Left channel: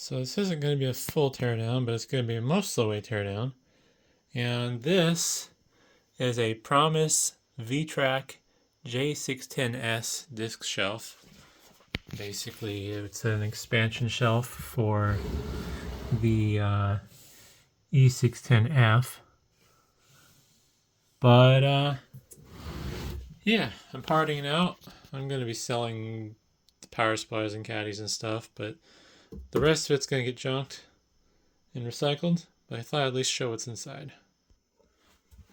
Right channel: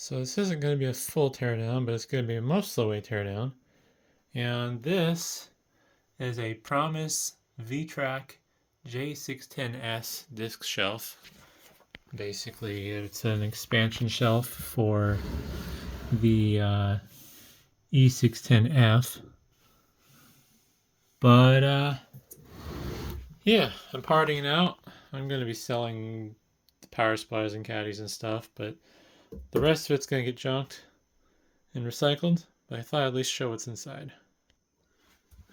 So this isn't going to be a full teardown, but it's going to be a most of the way teardown. And this is a Promise VTrak J610s disk shelf. Basically, it's an expansion shelf for the E610F. But yeah, I'm parting it out. I'm going to be selling the power supplies and caddies and stuff, but the rest of it's going to get junked and recycled, but I thought I'd at least show what's inside.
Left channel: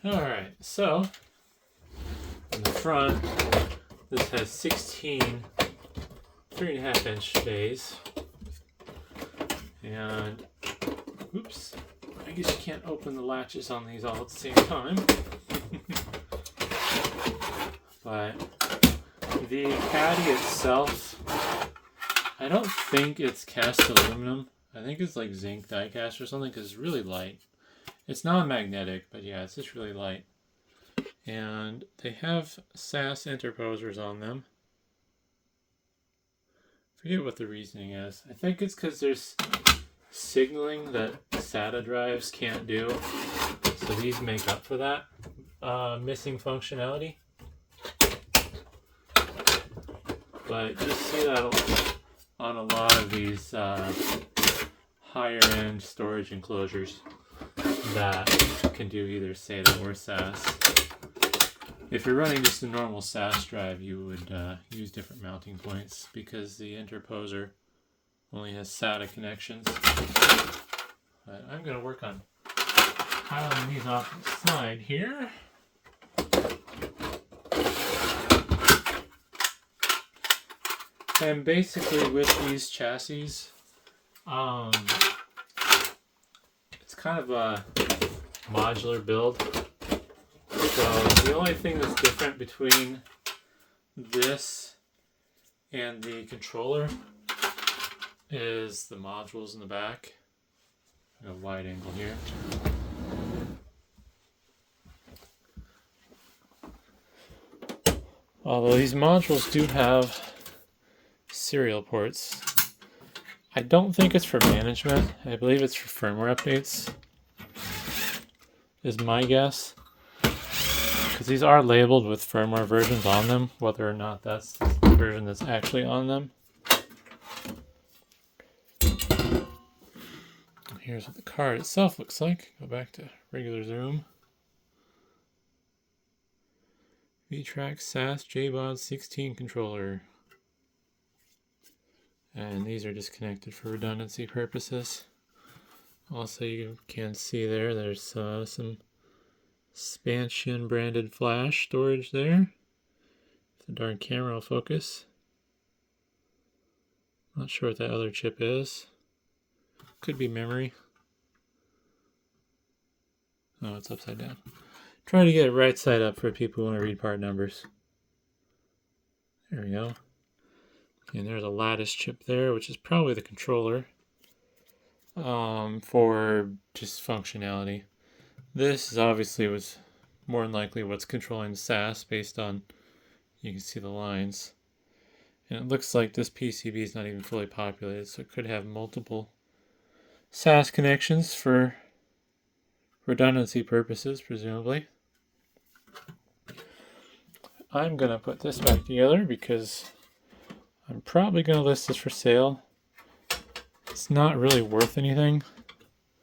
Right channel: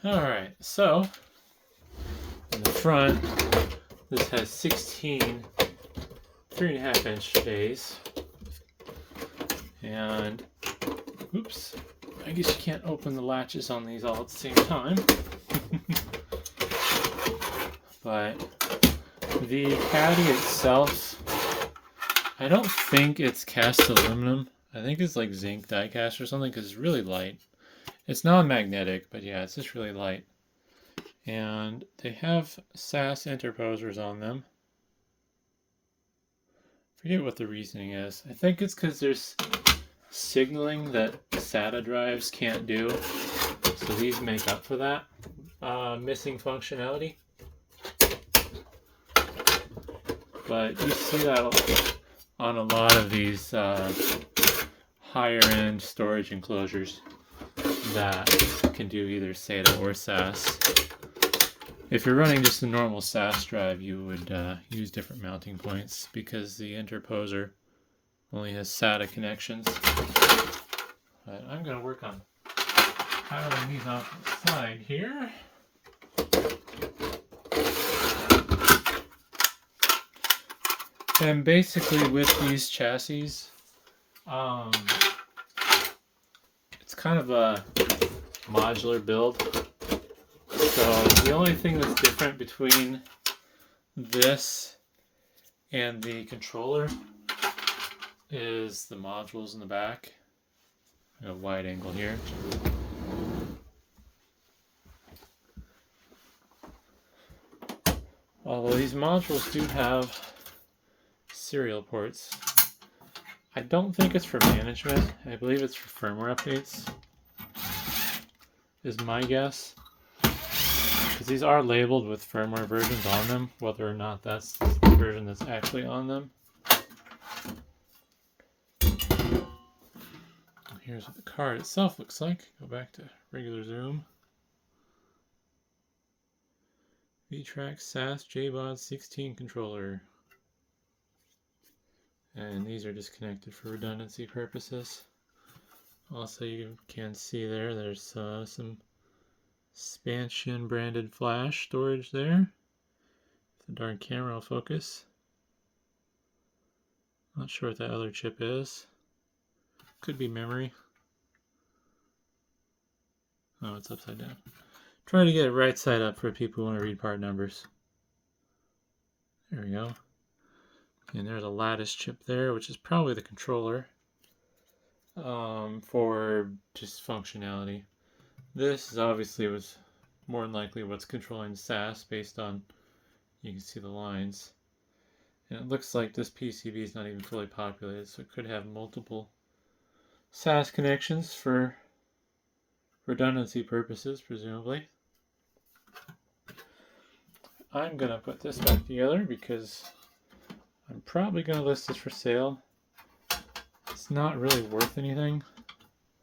Alright, so in the front, this has 16 3.5 inch bays. And, oops, I guess you can't open the latches on these all at the same time. But the caddy itself, I don't think it's cast aluminum. I think it's like zinc die cast or something because it's really light. It's non-magnetic, but yeah, it's just really light. And they have SAS interposers on them. Forget what the reasoning is. I think it's because there's signaling that SATA drives can't do. So these make up for that missing functionality. But you see that on a lot of these higher end storage enclosures that can do either SATA or SAS. If you're running just a normal SAS drive, you would use different mounting points because the interposer only has SATA connections. But I'm going to work on piling these off the side here. And basically with these chassis, it's kind of a modular build. So the only thing that's different between this and the controller is the modules in the back. I got a wide angle here. Although these modules do have serial ports. I don't think it's for management. I believe it's for firmware updates, is my guess. Because these are labeled with firmware versions on them, whether or not that's the version that's actually on them. And here's what the card itself looks like. Go back to regular zoom. VTrak SAS JBOD 16 controller. And these are disconnected for redundancy purposes. Also, you can see there's some Spansion branded flash storage there. If the darn camera will focus. Not sure what that other chip is. Could be memory. Oh, it's upside down. Try to get it right side up for people who want to read part numbers. There we go. And there's a lattice chip there, which is probably the controller for just functionality. This is obviously was more than likely what's controlling the SAS based on, you can see the lines. And it looks like this PCB is not even fully populated, so it could have multiple SAS connections for redundancy purposes, presumably. I'm going to put this back together because I'm probably going to list this for sale. It's not really worth anything.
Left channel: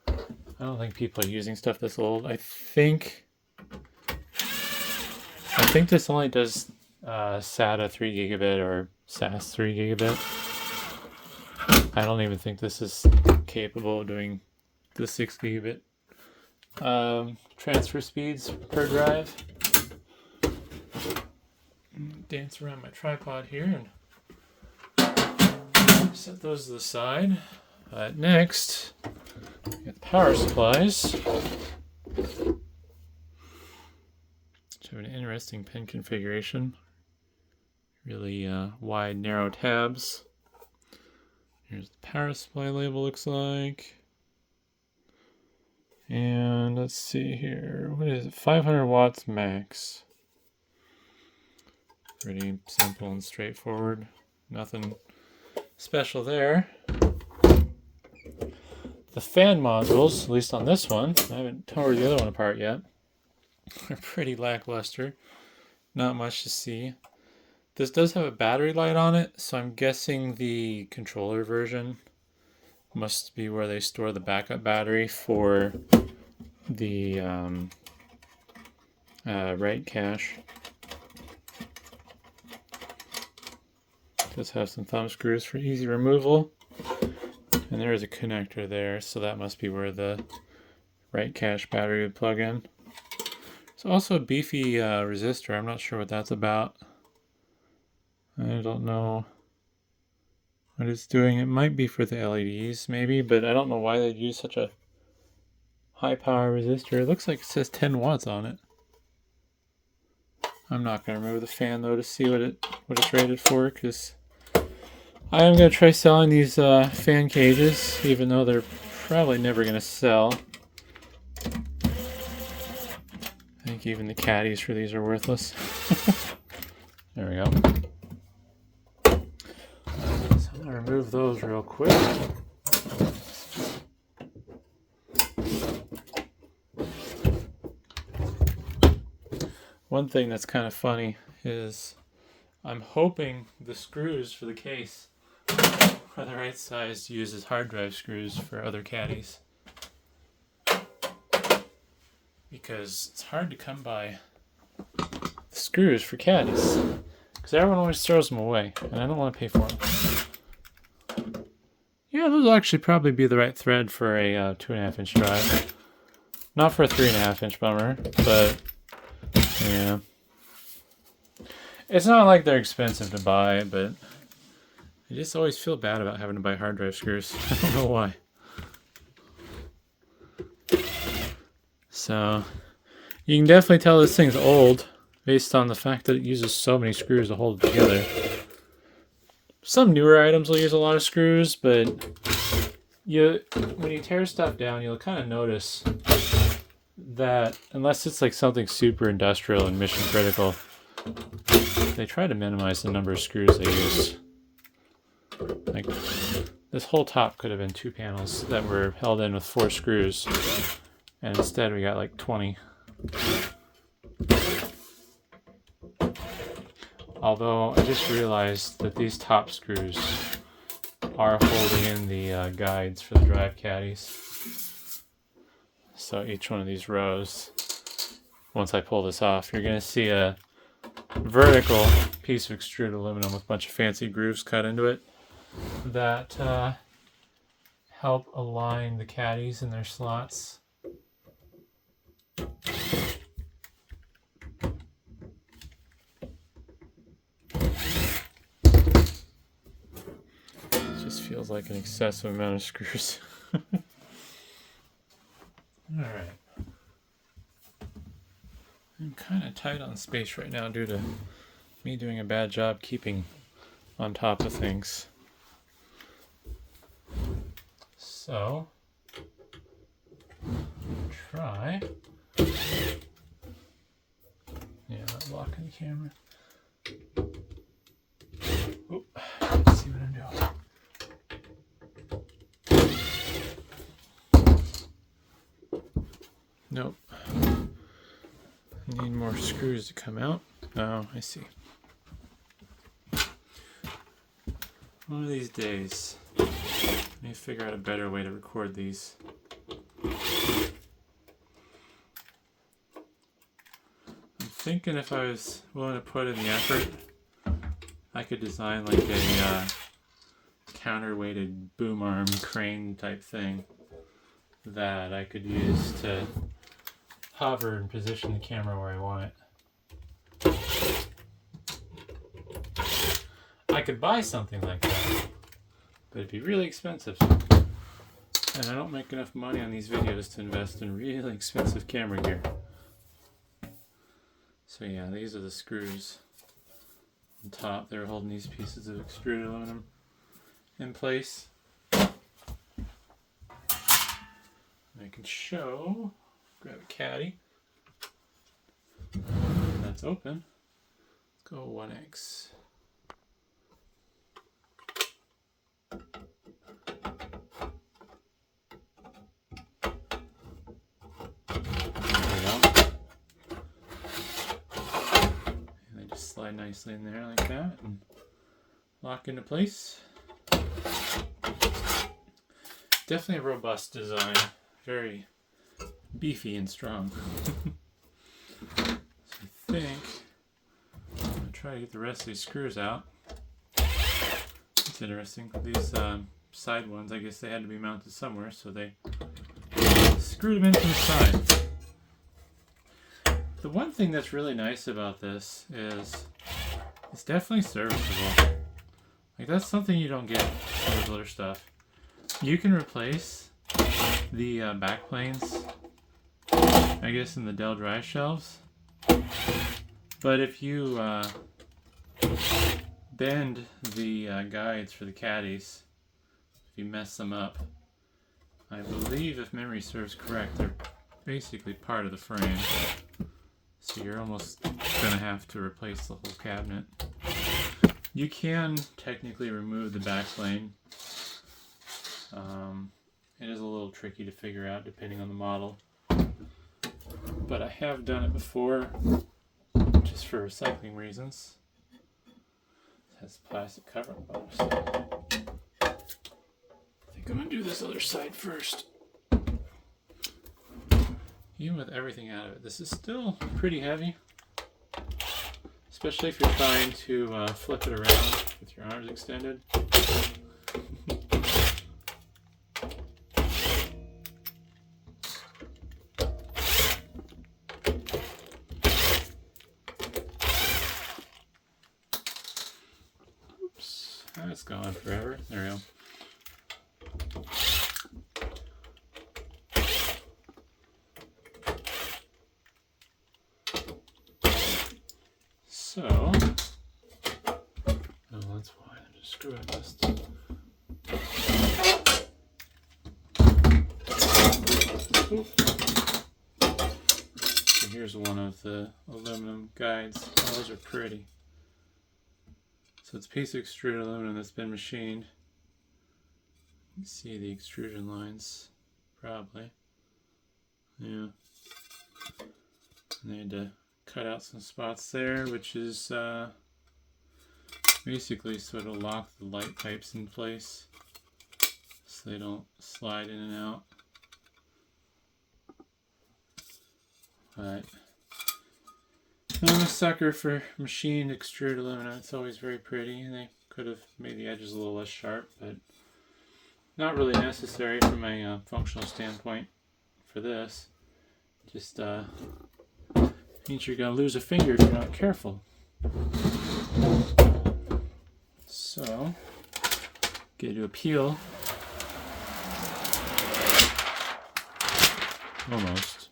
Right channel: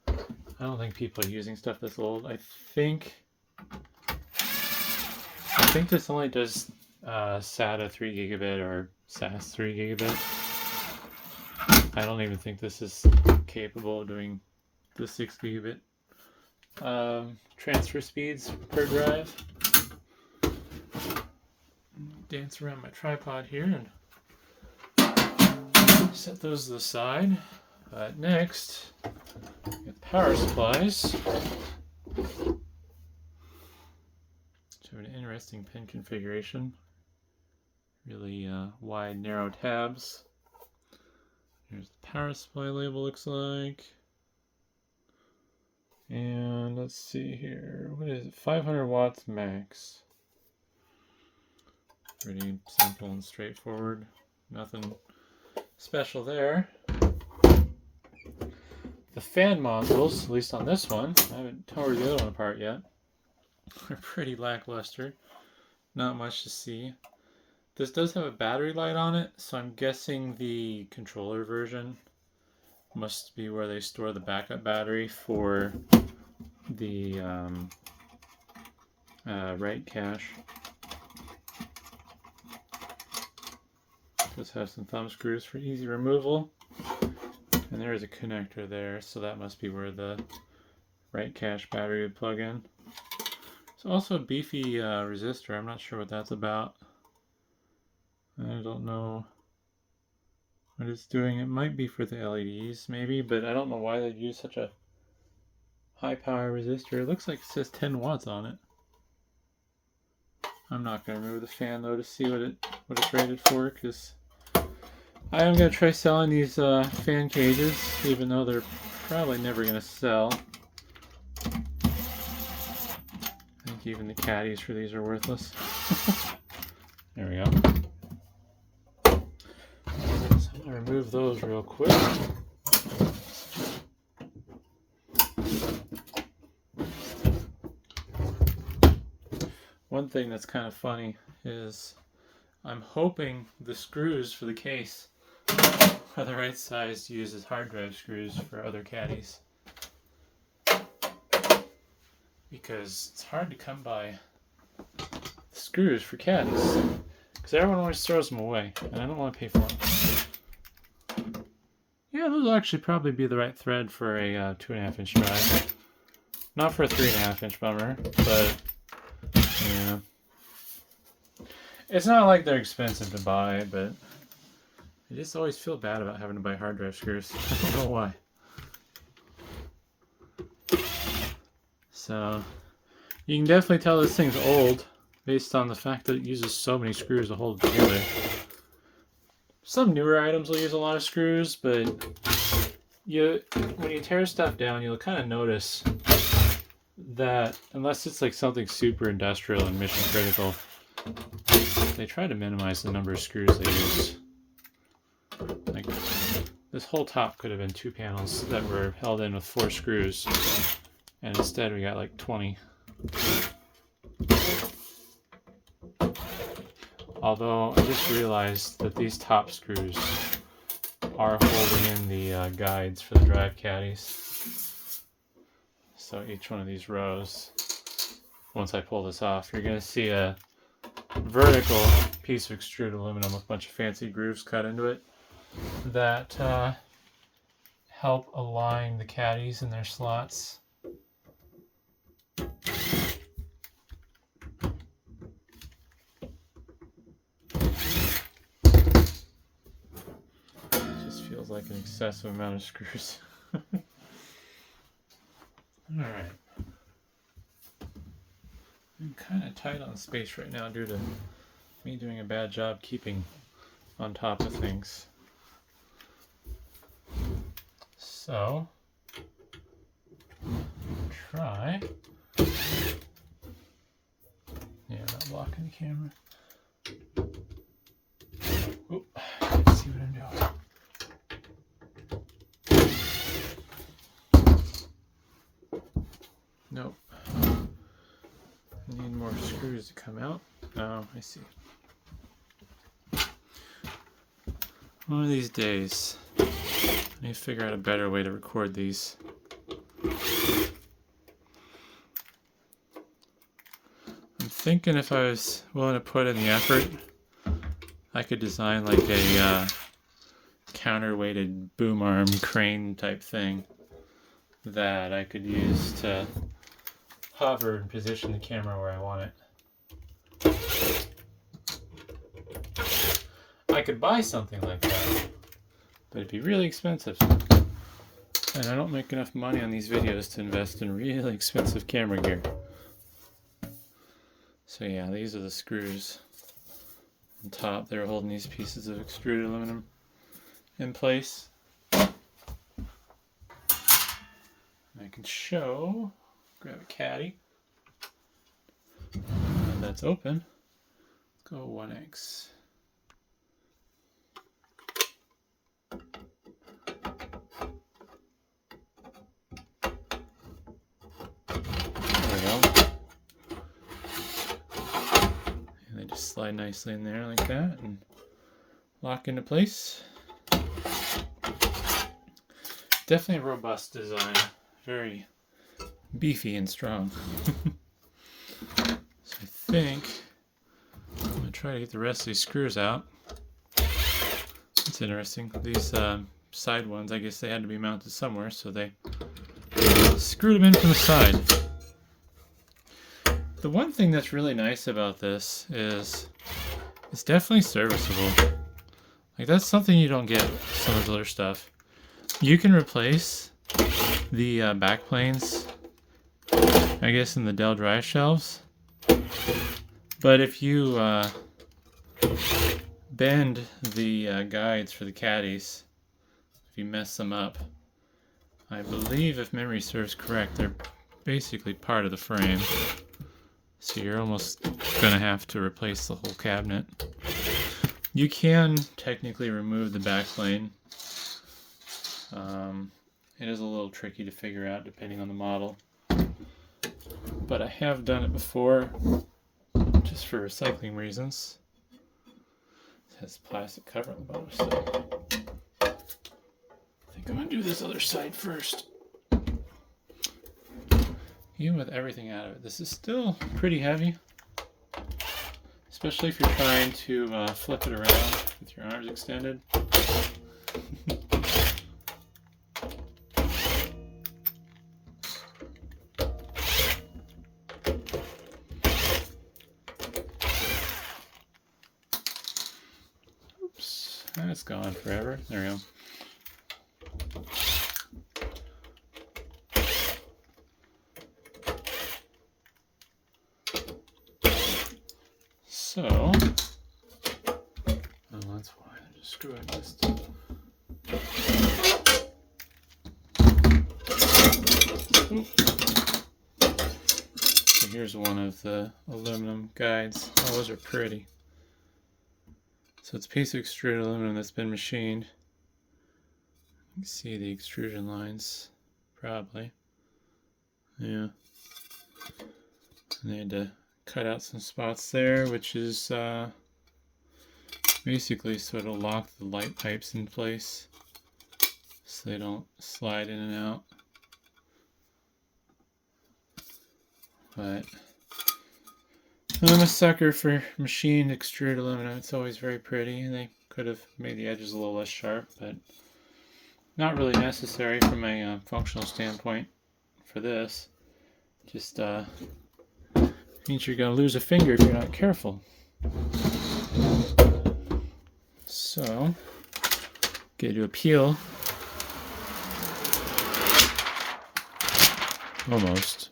I don't think people are using stuff this old. I think this only does SATA 3 gigabit or SAS 3 gigabit. I don't even think this is capable of doing the 6 gigabit transfer speeds per drive. Dance around my tripod here and set those to the side. Next, we got the power supplies. Which have an interesting pin configuration. Really wide, narrow tabs. Here's the power supply label, looks like. And let's see here. What is it? 500 watts max. Pretty simple and straightforward. Nothing special there. The fan modules, at least on this one, I haven't tore the other one apart yet, are pretty lackluster. Not much to see. This does have a battery light on it, so I'm guessing the controller version must be where they store the backup battery for the write cache. Does have some thumb screws for easy removal, and there is a connector there, so that must be where the write cache battery would plug in. It's also a beefy resistor. I'm not sure what that's about. I don't know what it's doing. It might be for the LEDs, maybe, but I don't know why they'd use such a high power resistor. It looks like it says 10 watts on it. I'm not going to remove the fan though to see what it's rated for, because I am going to try selling these fan cages, even though they're probably never going to sell. I think even the caddies for these are worthless. There we go. So I'm going to remove those real quick. One thing that's kind of funny is I'm hoping the screws for the case are the right size to use as hard drive screws for other caddies, because it's hard to come by the screws for caddies, because everyone always throws them away and I don't want to pay for them. Yeah, those will actually probably be the right thread for a 2.5 inch drive, not for a 3.5 inch bummer, but yeah. It's not like they're expensive to buy, but I just always feel bad about having to buy hard drive screws. I don't know why. So, you can definitely tell this thing's old based on the fact that it uses so many screws to hold it together. Some newer items will use a lot of screws, but when you tear stuff down, you'll kind of notice that unless it's like something super industrial and mission critical, they try to minimize the number of screws they use. Like, this whole top could have been 2 panels that were held in with 4 screws, and instead we got like 20. Although I just realized that these top screws are holding in the guides for the drive caddies. So each one of these rows, once I pull this off, you're going to see a vertical piece of extruded aluminum with a bunch of fancy grooves cut into it that help align the caddies in their slots. It just feels like an excessive amount of screws. Alright. I'm kind of tight on space right now due to me doing a bad job keeping on top of things. So, try. Yeah, not blocking the camera. Oop, let's see what I'm doing. Nope. I need more screws to come out. Oh, I see. One of these days, I need to figure out a better way to record these. I'm thinking if I was willing to put in the effort, I could design like a counterweighted boom arm crane type thing that I could use to hover and position the camera where I want it. I could buy something like that, but it'd be really expensive. And I don't make enough money on these videos to invest in really expensive camera gear. So yeah, these are the screws on top. They're holding these pieces of extruded aluminum in place. I can show, grab a caddy. That's open. Let's go 1x. There we go. And they just slide nicely in there like that and lock into place. Definitely a robust design. Very beefy and strong. So I think I'm going to try to get the rest of these screws out. It's interesting. These side ones, I guess they had to be mounted somewhere, so they screwed them in from the side. The one thing that's really nice about this is it's definitely serviceable. Like, that's something you don't get with some of the other stuff. You can replace the backplanes, I guess, in the Dell drive shelves. But if you bend the guides for the caddies, if you mess them up, I believe, if memory serves correct, they're basically part of the frame. So you're almost going to have to replace the whole cabinet. You can technically remove the backplane. It is a little tricky to figure out depending on the model. But I have done it before, just for recycling reasons. It has plastic cover on the bottom, so I think I'm going to do this other side first. Even with everything out of it, this is still pretty heavy. Especially if you're trying to flip it around with your arms extended. Oops, that's gone forever. There we go. So, oh, that's why I just screw it missed. So here's one of the aluminum guides. Oh, those are pretty. So it's a piece of extruded aluminum that's been machined. You can see the extrusion lines, probably. Yeah. And they had to cut out some spots there, which is basically sort of lock the light pipes in place so they don't slide in and out. But I'm a sucker for machined extruded aluminum. It's always very pretty, and they could have made the edges a little less sharp, but not really necessary from a functional standpoint for this. Just means you're going to lose a finger if you're not careful. So, get to do a peel. Almost.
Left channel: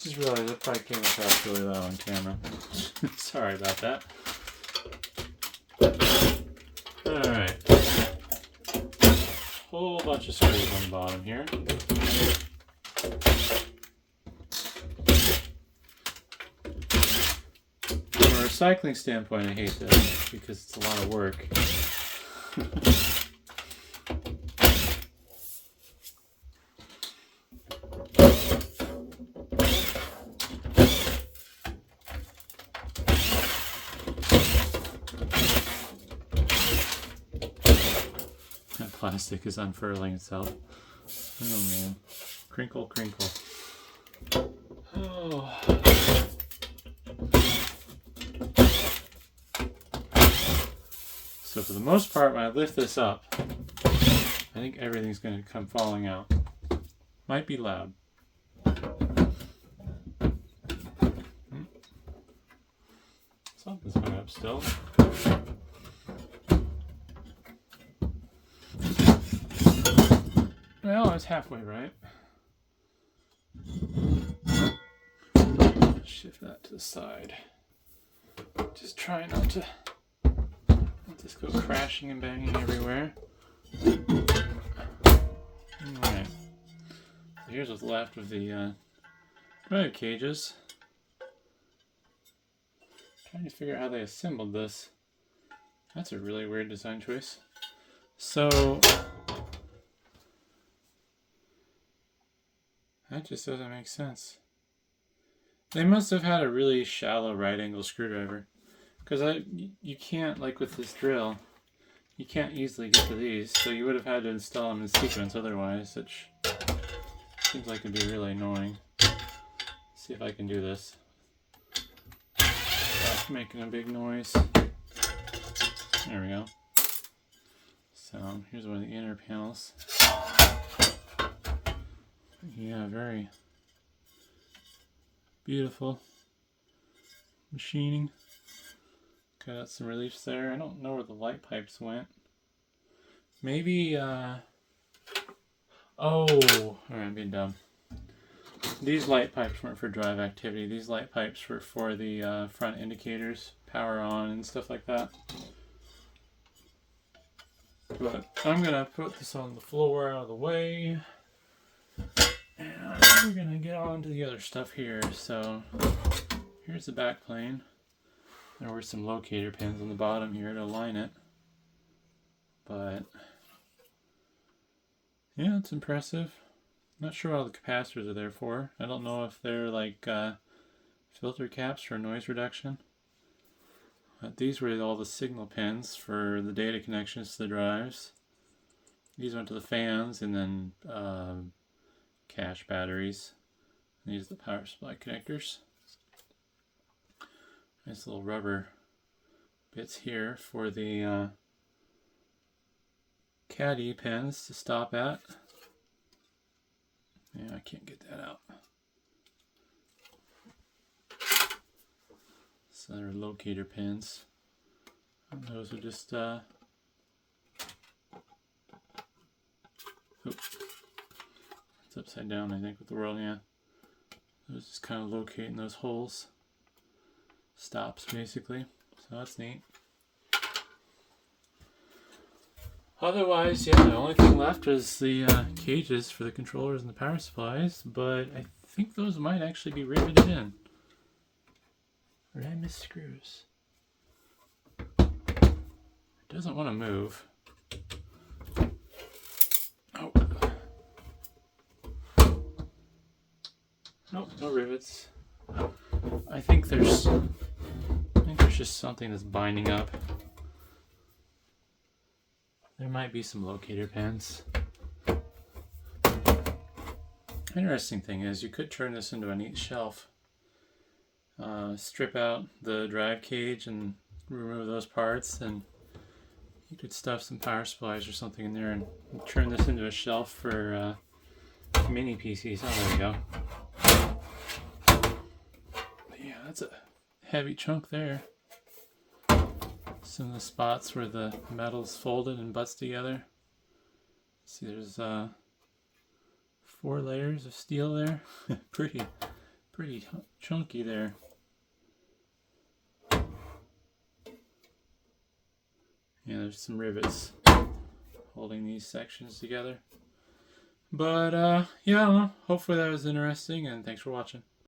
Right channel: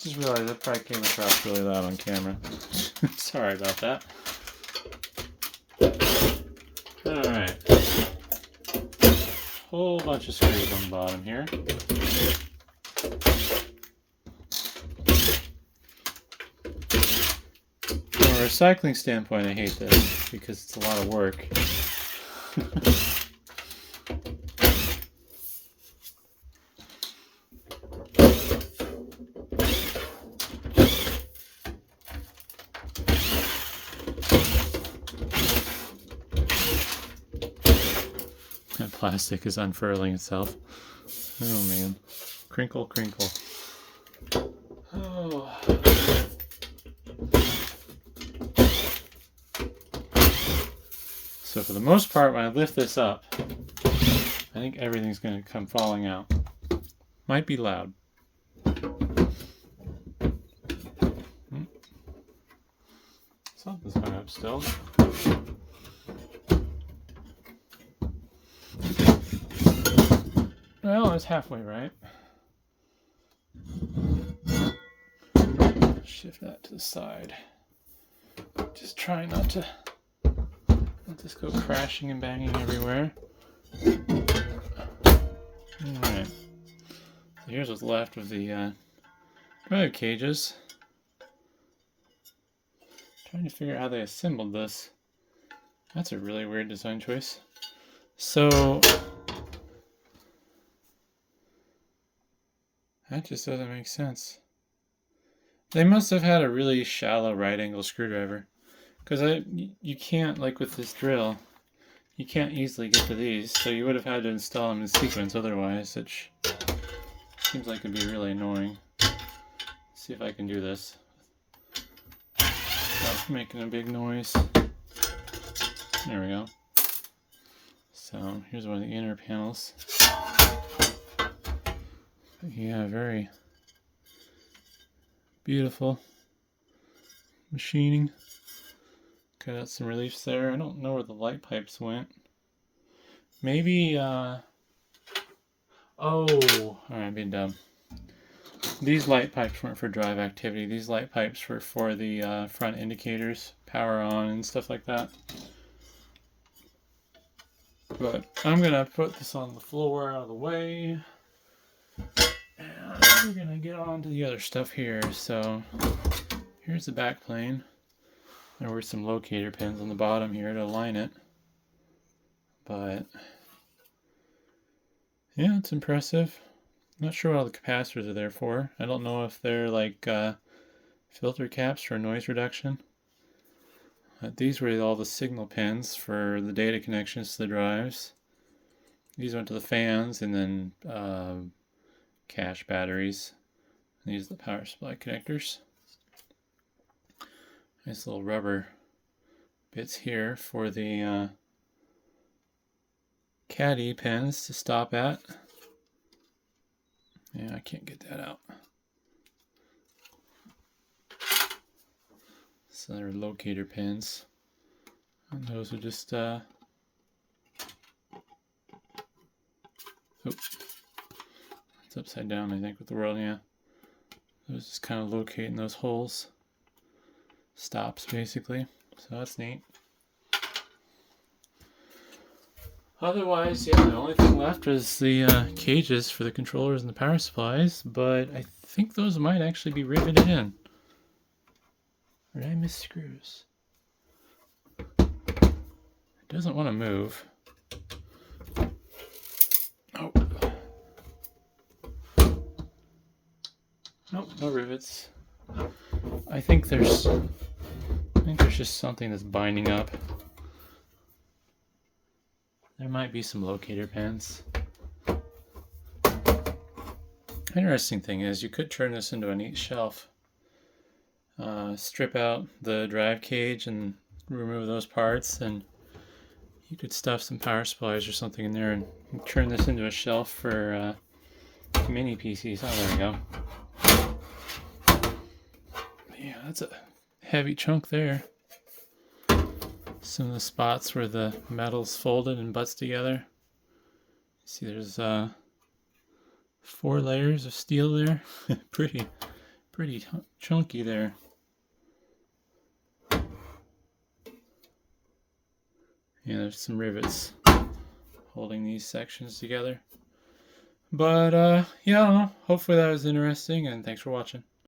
Just realized that probably came across really loud on camera. Sorry about that. Alright. Whole bunch of screws on the bottom here. From a recycling standpoint, I hate this because it's a lot of work. That plastic is unfurling itself. Oh man. Crinkle, crinkle. Oh. So for the most part, when I lift this up, I think everything's going to come falling out. Might be loud. Something's going up still. Well, I was halfway right. Shift that to the side. Just try not to let this go crashing and banging everywhere. Alright. So here's what's left of the drive cages. Trying to figure out how they assembled this. That's a really weird design choice. So That just doesn't make sense. They must have had a really shallow right angle screwdriver. Because you can't, like with this drill, you can't easily get to these, so you would have had to install them in sequence otherwise, which seems like it'd be really annoying. Let's see if I can do this. That's making a big noise. There we go. So here's one of the inner panels. Yeah, very beautiful machining. Got some reliefs there. I don't know where the light pipes went. Maybe, oh, I'm being dumb. These light pipes weren't for drive activity. These light pipes were for the front indicators, power on and stuff like that. But I'm gonna put this on the floor out of the way. And we're gonna get on to the other stuff here. So here's the back plane. There were some locator pins on the bottom here to align it. But yeah, it's impressive. Not sure what all the capacitors are there for. I don't know if they're like filter caps for noise reduction. These were all the signal pins for the data connections to the drives. These went to the fans and then cache batteries. These are the power supply connectors. Nice little rubber bits here for the caddy pins to stop at. Yeah, I can't get that out. So they're locator pins. And those are just oops. It's upside down, I think, with the world, yeah. Those just kind of locating those holes. Stops, basically. So that's neat. Otherwise, yeah, the only thing left is the cages for the controllers and the power supplies, but I think those might actually be riveted in. Or did I miss screws? It doesn't want to move. Oh. Nope, no rivets. I think there's just something that's binding up. There might be some locator pins. Interesting thing is you could turn this into a neat shelf. Strip out the drive cage and remove those parts, and you could stuff some power supplies or something in there and turn this into a shelf for mini PCs. Oh, there we go. Yeah, that's a heavy chunk there. Some of the spots where the metal's folded and butts together. See, there's 4 layers of steel there. pretty chunky there. Yeah, there's some rivets holding these sections together. But yeah, I don't know. Hopefully that was interesting, and thanks for watching.